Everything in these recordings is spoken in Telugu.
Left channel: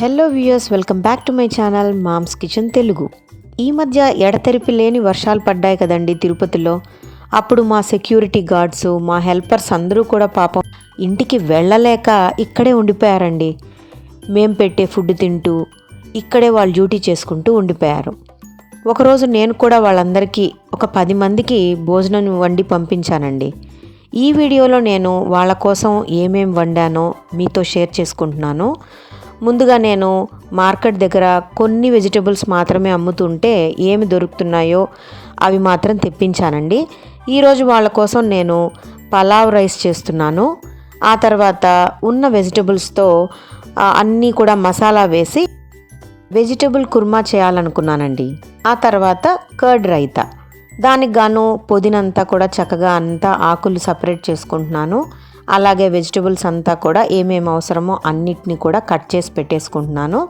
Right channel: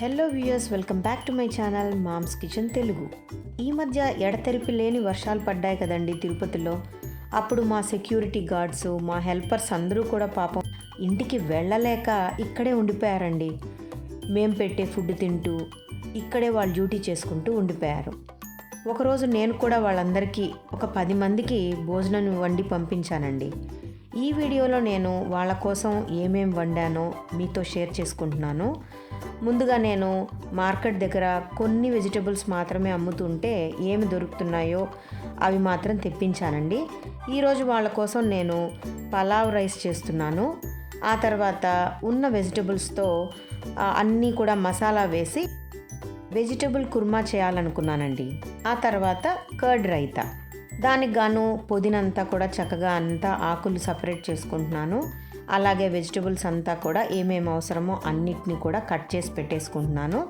Hello viewers, welcome back to my channel Mom's Kitchen Telugu. ఈ మధ్య ఎడతెరిపి లేని వర్షాలు పడ్డాయి కదండి తిరుపతిలో. అప్పుడు మా సెక్యూరిటీ గార్డ్స్, మా హెల్పర్స్ అందరూ కూడా పాపం ఇంటికి వెళ్ళలేక ఇక్కడే ఉండిపోయారండి. మేం పెట్టే ఫుడ్ తింటూ ఇక్కడే వాళ్ళు డ్యూటీ చేసుకుంటూ ఉండిపోయారు. ఒకరోజు నేను కూడా వాళ్ళందరికీ ఒక 10 మందికి భోజనం వండి పంపించానండి. ఈ వీడియోలో నేను వాళ్ళ కోసం ఏమేం వండానో మీతో షేర్ చేసుకుంటున్నాను. ముందుగా నేను మార్కెట్ దగ్గర కొన్ని వెజిటబుల్స్ మాత్రమే అమ్ముతుంటే ఏమి దొరుకుతున్నాయో అవి మాత్రం తెప్పించానండి. ఈరోజు వాళ్ళ కోసం నేను పలావ్ రైస్ చేస్తున్నాను. ఆ తర్వాత ఉన్న వెజిటబుల్స్తో అన్నీ కూడా మసాలా వేసి వెజిటబుల్ కుర్మా చేయాలనుకున్నానండి. ఆ తర్వాత కర్డ్ రైతా, దానికి గాను పుదీనంతా కూడా చక్కగా అంతా ఆకులు సపరేట్ చేసుకుంటున్నాను. అలాగే వెజిటబుల్స్ అంతా కూడా ఏమేమి అవసరమో అన్నిటినీ కూడా కట్ చేసి పెట్టేసుకుంటున్నాను.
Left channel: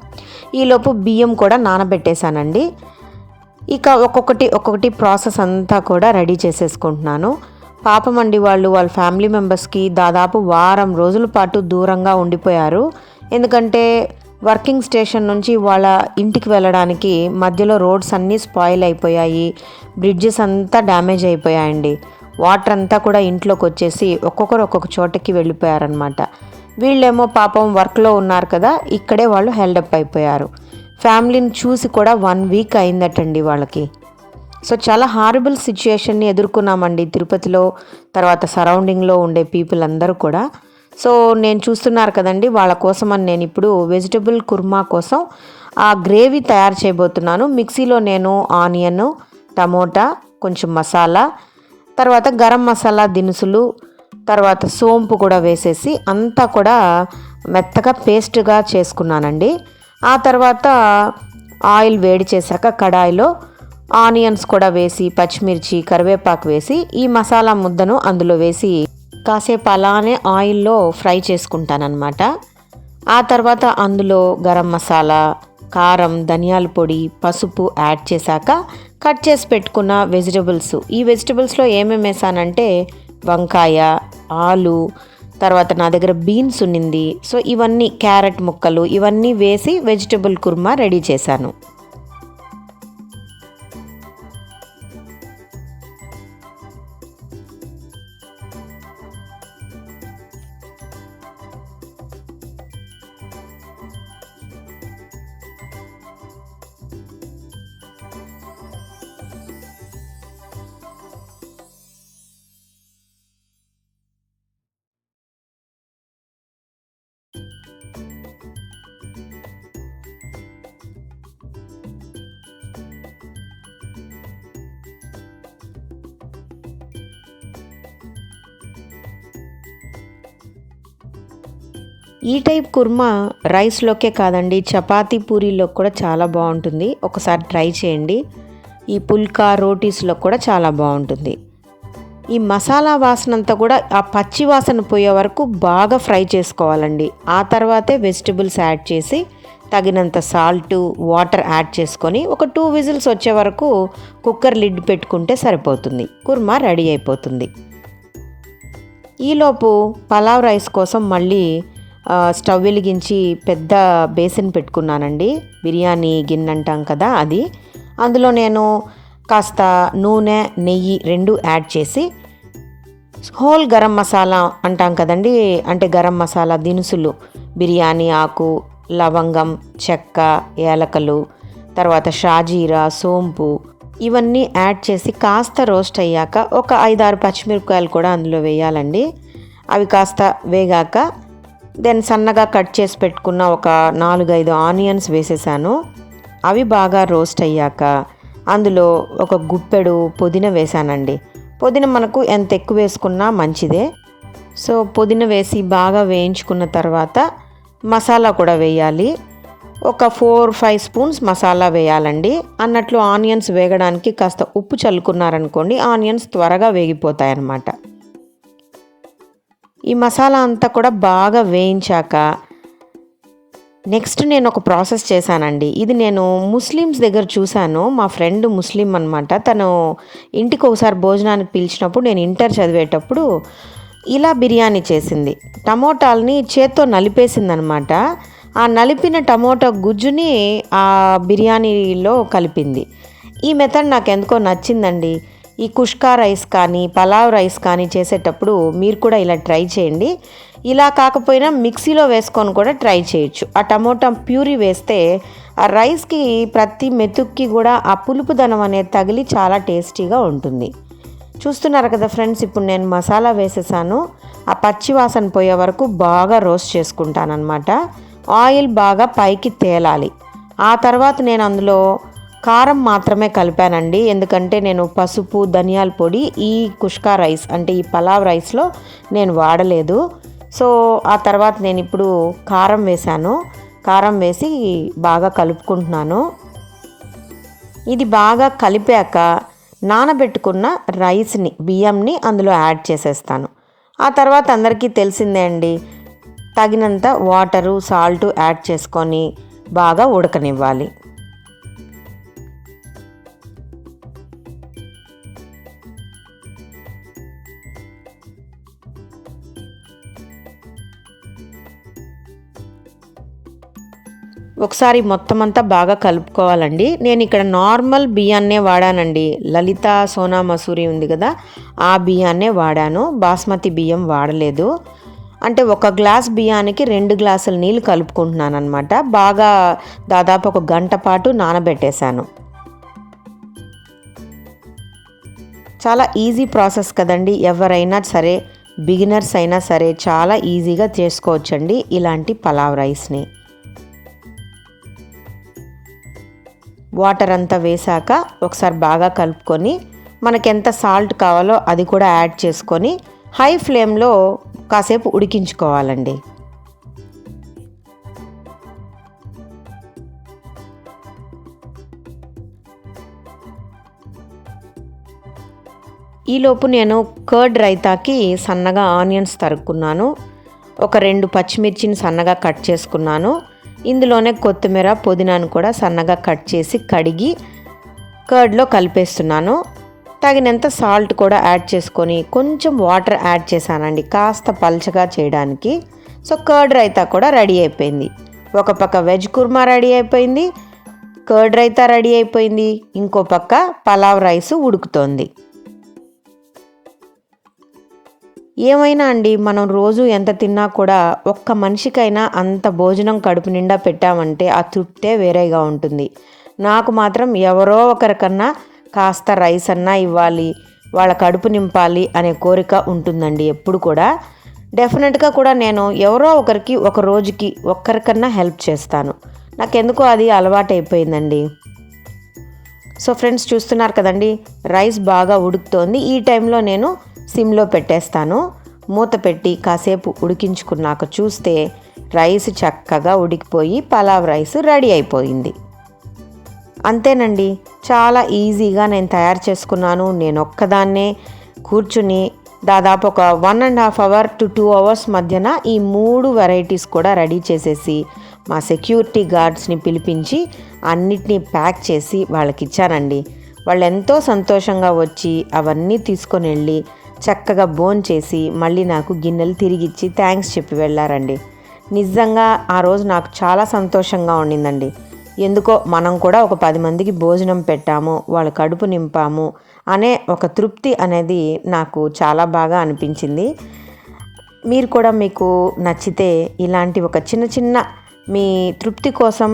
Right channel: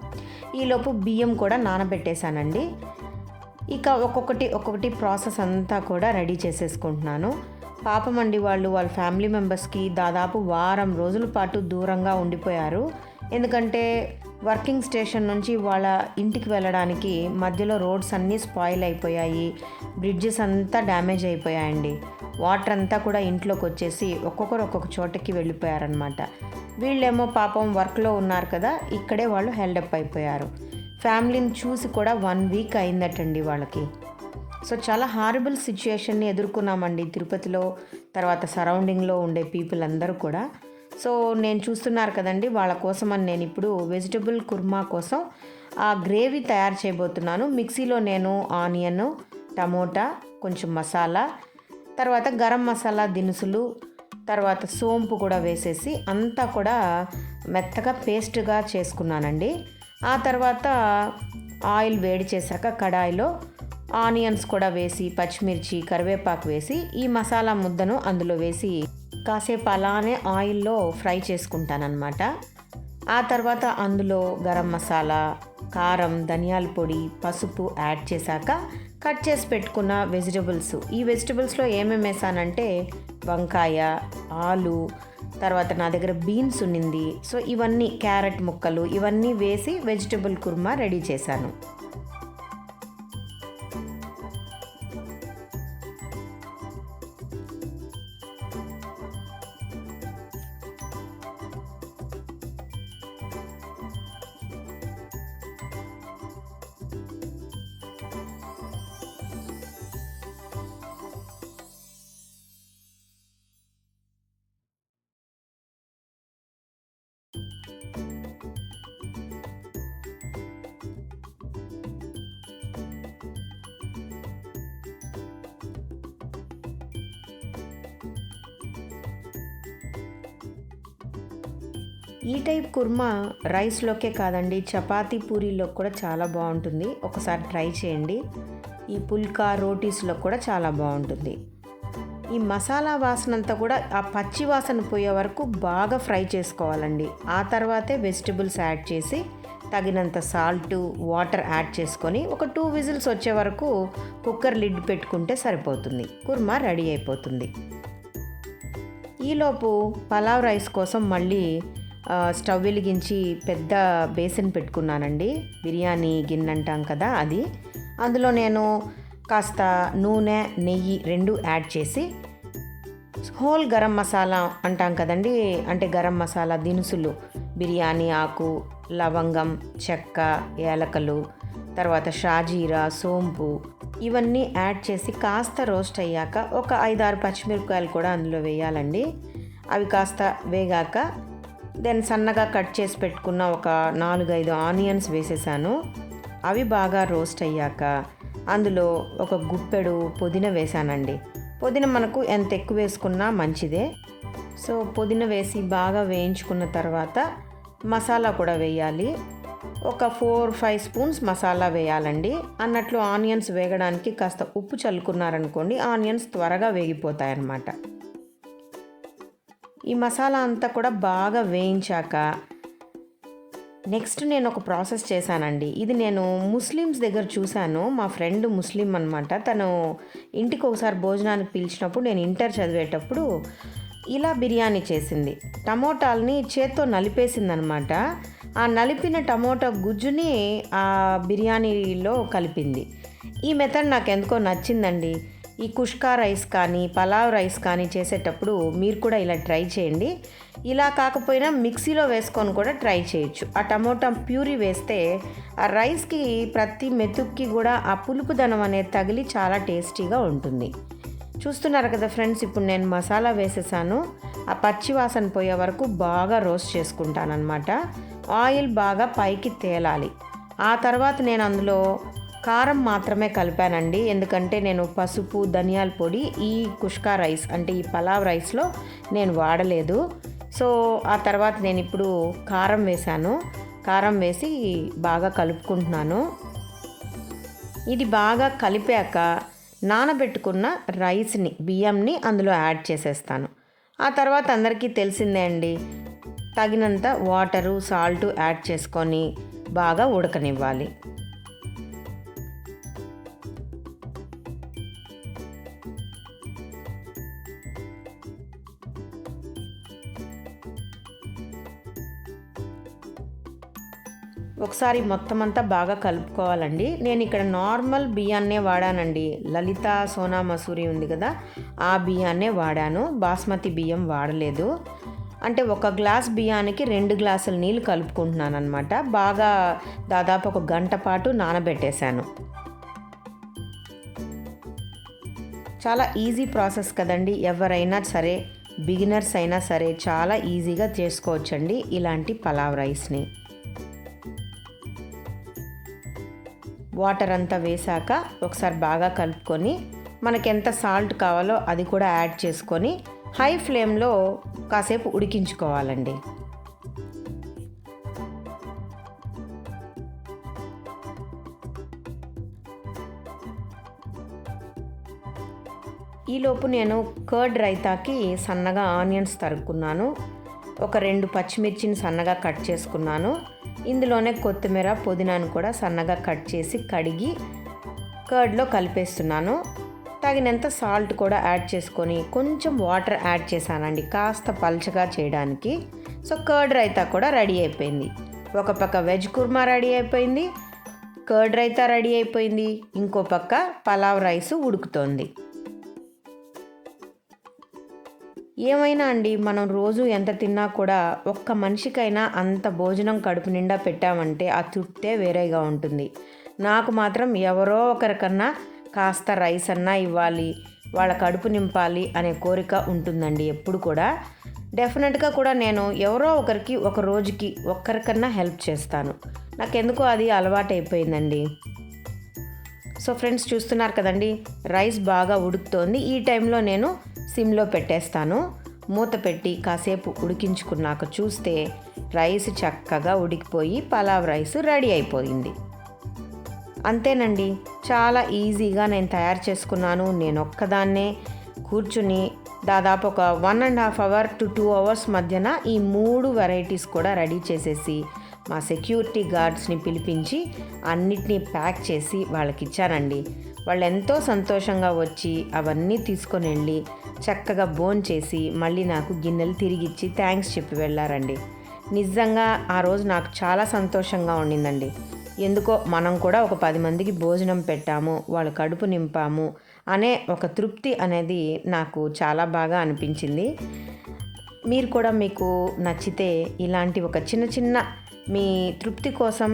ఈలోపు బియ్యం కూడా నానబెట్టేశానండి. ఇక ఒక్కొక్కటి ప్రాసెస్ అంతా కూడా రెడీ చేసేసుకుంటున్నాను. పాపం అండి, వాళ్ళ ఫ్యామిలీ మెంబర్స్కి దాదాపు వారం రోజుల పాటు దూరంగా ఉండిపోయారు. ఎందుకంటే వర్కింగ్ స్టేషన్ నుంచి వాళ్ళ ఇంటికి వెళ్ళడానికి మధ్యలో రోడ్స్ అన్నీ స్పాయిల్ అయిపోయాయి, బ్రిడ్జెస్ అంతా డ్యామేజ్ అయిపోయాయండి. వాటర్ అంతా కూడా ఇంట్లోకి వచ్చేసి ఒక్కొక్కరు ఒక్కొక్క చోటకి వెళ్ళిపోయారనమాట. వీళ్ళేమో పాపం వర్క్లో ఉన్నారు కదా, ఇక్కడే వాళ్ళు హెల్డప్ అయిపోయారు. ఫ్యామిలీని చూసి కూడా 1 వీక్ అయిందటండి వాళ్ళకి. సో చాలా హారబుల్ సిచ్యుయేషన్ని ఎదుర్కొన్నామండి తిరుపతిలో, తర్వాత సరౌండింగ్లో ఉండే పీపుల్ అందరూ కూడా. సో నేను చూస్తున్నారు కదండి, వాళ్ళ కోసం అని నేను ఇప్పుడు వెజిటబుల్ కుర్మా కోసం ఆ గ్రేవీ తయారు చేయబోతున్నాను. మిక్సీలో నేను ఆనియన్, టమోటా, కొంచెం మసాలా, తర్వాత గరం మసాలా దినుసులు, తర్వాత సోంపు కూడా వేసేసి అంతా కూడా మెత్తగా పేస్ట్గా చేసుకున్నానండి. ఆ తర్వాత ఆయిల్ వేడి చేశాక కడాయిలో ఆనియన్స్ కూడా వేసి, పచ్చిమిర్చి, కరివేపాకు వేసి ఈ మసాలా ముద్దను అందులో వేసి కాసేపు అలానే ఆయిల్లో ఫ్రై చేసుకుంటానన్నమాట. ఆ తర్వాత అందులో గరం మసాలా, కారం, ధనియాల పొడి, పసుపు యాడ్ చేశాక కట్ చేసి పెట్టుకున్న వెజిటబుల్స్, ఈ వెజిటబుల్స్లో ఏమేమి వేసానంటే వంకాయ, ఆలు, తర్వాత నా దగ్గర బీన్స్ ఉన్నింది. సో ఇవన్నీ క్యారెట్ ముక్కలు ఇవన్నీ వేసి వెజిటబుల్ కుర్మా రెడీ చేశాను. ఈ టైప్ కుర్మా రైస్లోకే కాదండి, చపాతీ పూరీలో కూడా చాలా బాగుంటుంది. ఒకసారి ట్రై చేయండి. ఈ పుల్కా రోటీస్లో కూడా చాలా బాగుంటుంది. ఈ మసాలా వాసన అంతా కూడా ఆ పచ్చి వాసన పోయే వరకు బాగా ఫ్రై చేసుకోవాలండి. ఆ తర్వాతే వెజిటబుల్స్ యాడ్ చేసి తగినంత సాల్టు, వాటర్ యాడ్ చేసుకొని ఒక 2 విజిల్స్ వచ్చే వరకు కుక్కర్ లిడ్ పెట్టుకుంటే సరిపోతుంది. కుర్మా రెడీ అయిపోతుంది. ఈలోపు పలావ్ రైస్ కోసం మళ్ళీ స్టవ్ వెలిగించి పెద్ద బేసిన్ పెట్టుకున్నానండి. బిర్యానీ గిన్నె అంటాం కదా అది. అందులో నేను కాస్త నూనె, నెయ్యి 2 యాడ్ చేసి హోల్ గరం మసాలా అంటాం కదండి, అంటే గరం మసాలా దినుసులు, బిర్యానీ ఆకు, లవంగం, చెక్క, ఏలకలు, తర్వాత షాజీరా, సోంపు ఇవన్నీ యాడ్ చేసి కాస్త రోస్ట్ అయ్యాక ఒక 5-6 పచ్చిమిరపకాయలు కూడా అందులో వేయాలండి. అవి కాస్త వేగాక దెన్ సన్నగా కట్ చేసి పెట్టుకున్న ఒక 4-5 ఆనియన్స్ వేసేసాను. అవి బాగా రోస్ట్ అయ్యాక అందులో ఒక గుప్పెడు పుదీనా వేసానండి. పుదీనా మనకు ఎంత ఎక్కువ వేసుకున్నా మంచిదే. సో పుదీనా వేసి బాగా వేయించుకున్న తర్వాత మసాలా కూడా వేయాలి. ఒక 4-5 స్పూన్స్ మసాలా వేయాలండి. అన్నట్లు ఆనియన్స్ వేగడానికి కాస్త ఉప్పు చల్లుకున్నారనుకోండి, ఆనియన్స్ త్వరగా వేగిపోతాయి అన్నమాట. ఈ మసాలా అంతా కూడా బాగా వేయించాక నెక్స్ట్ నేను ఒక ప్రాసెస్ చేశానండి. ఇది నేను ముస్లిమ్స్ దగ్గర చూశాను. మా ఫ్రెండ్ ముస్లిం అనమాట. తను ఇంటికి ఒకసారి భోజనానికి పిలిచినప్పుడు నేను ఇంటర్ చదివేటప్పుడు ఇలా బిర్యానీ చేసింది. టమోటాలని చేత్తో నలిపేసిందనమాట. ఆ నలిపిన టమోటా గుజ్జుని ఆ బిర్యానీలో కలిపింది. ఈ మెథడ్ నాకు ఎందుకో నచ్చిందండి. ఈ కుష్కా రైస్ కానీ పలావ్ రైస్ కానీ చేసేటప్పుడు మీరు కూడా ఇలా ట్రై చేయండి. ఇలా కాకపోయినా మిక్సీలో వేసుకొని కూడా ట్రై చేయొచ్చు. ఆ టమోటా ప్యూరీ వేస్తే ఆ రైస్కి ప్రతి మెతుక్కి కూడా ఆ పులుపుదనం అనేది తగిలి చాలా టేస్టీగా ఉంటుంది. చూస్తున్నారు కదా ఫ్రెండ్స్, ఇప్పుడు నేను మసాలా వేసేసాను. ఆ పచ్చి వాసన పోయే వరకు బాగా రోస్ట్ చేసుకుంటానన్నమాట. ఆయిల్ బాగా పైకి తేలాలి. ఆ తర్వాత నేను అందులో కారం మాత్రమే కలిపానండి. ఎందుకంటే నేను పసుపు, ధనియాల పొడి ఈ కుష్కా రైస్ అంటే ఈ పలావ్ రైస్లో నేను వాడలేదు. సో ఆ తర్వాత నేను ఇప్పుడు కారం వేశాను. కారం వేసి బాగా కలుపుకుంటున్నాను. ఇది బాగా కలిపాక నానబెట్టుకున్న రైస్ని, బియ్యంని అందులో యాడ్ చేసేస్తాను. ఆ తర్వాత అందరికీ తెలిసిందే అండి, తగినంత వాటరు, సాల్టు యాడ్ చేసుకొని బాగా ఉడకనివ్వాలి. ఒకసారి మొత్తం అంతా బాగా కలుపుకోవాలండి. నేను ఇక్కడ నార్మల్ బియ్యాన్నే వాడానండి. లలిత సోనా మసూరి ఉంది కదా, ఆ బియ్యాన్నే వాడాను. బాస్మతి బియ్యం వాడలేదు. అంటే 1 గ్లాస్ బియ్యానికి 2 గ్లాసుల నీళ్ళు కలుపుకుంటున్నాను అనమాట. బాగా దాదాపు 1 గంట పాటు నానబెట్టేశాను. చాలా ఈజీ ప్రాసెస్ కదండి. ఎవరైనా సరే, బిగినర్స్ అయినా సరే చాలా ఈజీగా చేసుకోవచ్చండి ఇలాంటి పలావ్ రైస్ని. వాటర్ అంతా వేసాక ఒకసారి బాగా కలుపుకొని మనకెంత సాల్ట్ కావాలో అది కూడా యాడ్ చేసుకొని హై ఫ్లేమ్లో కాసేపు ఉడికించుకోవాలండి. ఈలోపు నేను కర్డ్ రైతాకి సన్నగా ఆనియన్స్ తరుక్కున్నాను. ఒక 2 పచ్చిమిర్చిని సన్నగా కట్ చేసుకున్నాను. ఇందులోనే కొత్తిమీర, పుదీనాను కూడా సన్నగా కట్ చేసి కడిగి కర్డ్లో కలిపేస్తున్నాను. తగినంత సాల్ట్ కూడా యాడ్ చేసుకొని కొంచెం వాటర్ యాడ్ చేశానండి, కాస్త పల్చగా చేయడానికి. సో కర్డ్ రైతా కూడా రెడీ అయిపోయింది. ఒక పక్క వెజ్ కుర్మా రెడీ అయిపోయింది, కర్డ్ రైతా రెడీ అయిపోయింది, ఇంకో పక్క పలావ్ రైస్ ఉడుకుతోంది. ఏమైనా అండి, మనం రోజు ఎంత తిన్నా కూడా ఒక్క మనిషికైనా అంత భోజనం కడుపు నిండా పెట్టామంటే ఆ తృప్తే వేరేగా ఉంటుంది. నాకు మాత్రం ఎవరో ఒకరికన్నా కాస్త రైస్ అన్నా ఇవ్వాలి, వాళ్ళ కడుపు నింపాలి అనే కోరిక ఉంటుందండి ఎప్పుడు కూడా. డెఫినెట్గా కూడా నేను ఎవరో ఒకరికి ఒక రోజుకి ఒక్కరికన్నా హెల్ప్ చేస్తాను. నాకెందుకో అది అలవాటైపోయిందండి. సో ఫ్రెండ్స్, చూస్తున్నారు కదండి, రైస్ బాగా ఉడుకుతోంది. ఈ టైంలో నేను సిమ్లో పెట్టేస్తాను. మూత పెట్టి కాసేపు ఉడికించుకున్నాక చూస్తే రైస్ చక్కగా ఉడికిపోయి పలావ్ రైస్ రెడీ అయిపోయింది. అంతేనండి, చాలా ఈజీగా నేను తయారు చేసుకున్నాను. నేను ఒక్కదాన్నే కూర్చుని దాదాపు ఒక 1.5 అవర్ టు 2 అవర్స్ మధ్యన ఈ 3 వెరైటీస్ కూడా రెడీ చేసేసి మా సెక్యూరిటీ గార్డ్స్ని పిలిపించి అన్నిటినీ ప్యాక్ చేసి వాళ్ళకి ఇచ్చానండి. వాళ్ళు ఎంతో సంతోషంగా వచ్చి అవన్నీ తీసుకొని వెళ్ళి చక్కగా భోంచేసి మళ్ళీ నాకు గిన్నెలు తిరిగిచ్చి థ్యాంక్స్ చెప్పి వెళ్ళారండి. నిజంగా ఆ రోజు నాకు చాలా సంతోషంగా ఉండిందండి. ఎందుకో మనం కూడా ఒక 10 మందికి భోజనం పెట్టాము, వాళ్ళ కడుపు నింపాము అనే ఒక తృప్తి అనేది నాకు చాలా బాగా అనిపించింది. మీరు కూడా మీకు నచ్చితే ఇలాంటి ఒక చిన్న చిన్న మీ తృప్తి కోసం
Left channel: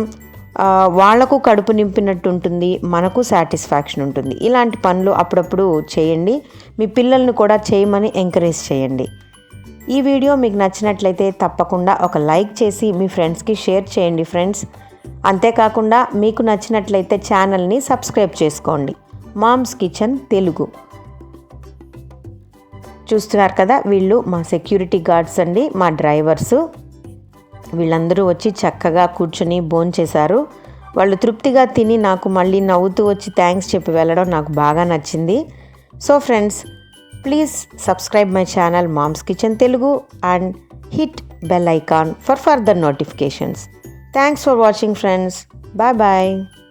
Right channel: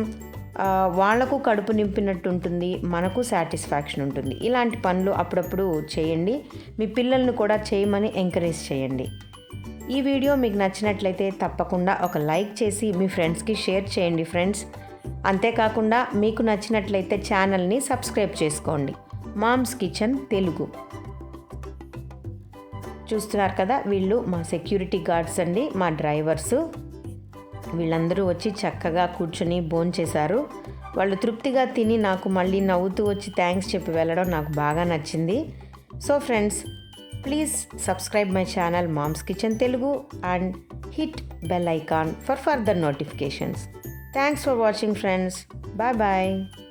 వాళ్లకు కడుపు నింపినట్టు ఉంటుంది, మనకు సాటిస్ఫాక్షన్ ఉంటుంది. ఇలాంటి పనులు అప్పుడప్పుడు చేయండి. మీ పిల్లల్ని కూడా చేయమని ఎంకరేజ్ చేయండి. ఈ వీడియో మీకు నచ్చినట్లయితే తప్పకుండా ఒక లైక్ చేసి మీ ఫ్రెండ్స్కి షేర్ చేయండి ఫ్రెండ్స్. అంతేకాకుండా మీకు నచ్చినట్లయితే ఛానల్ని సబ్స్క్రైబ్ చేసుకోండి. Mom's Kitchen Telugu. చూస్తున్నారు కదా, వీళ్ళు మా సెక్యూరిటీ గార్డ్స్ అండి, మా డ్రైవర్సు. వీళ్ళందరూ వచ్చి చక్కగా కూర్చొని భోంచేశారు. వాళ్ళు తృప్తిగా తిని నాకు మళ్ళీ నవ్వుతూ వచ్చి థ్యాంక్స్ చెప్పి వెళ్ళడం నాకు బాగా నచ్చింది. So friends, please subscribe my channel Mom's Kitchen Telugu and hit bell icon for further notifications. Thanks for watching friends. Bye bye.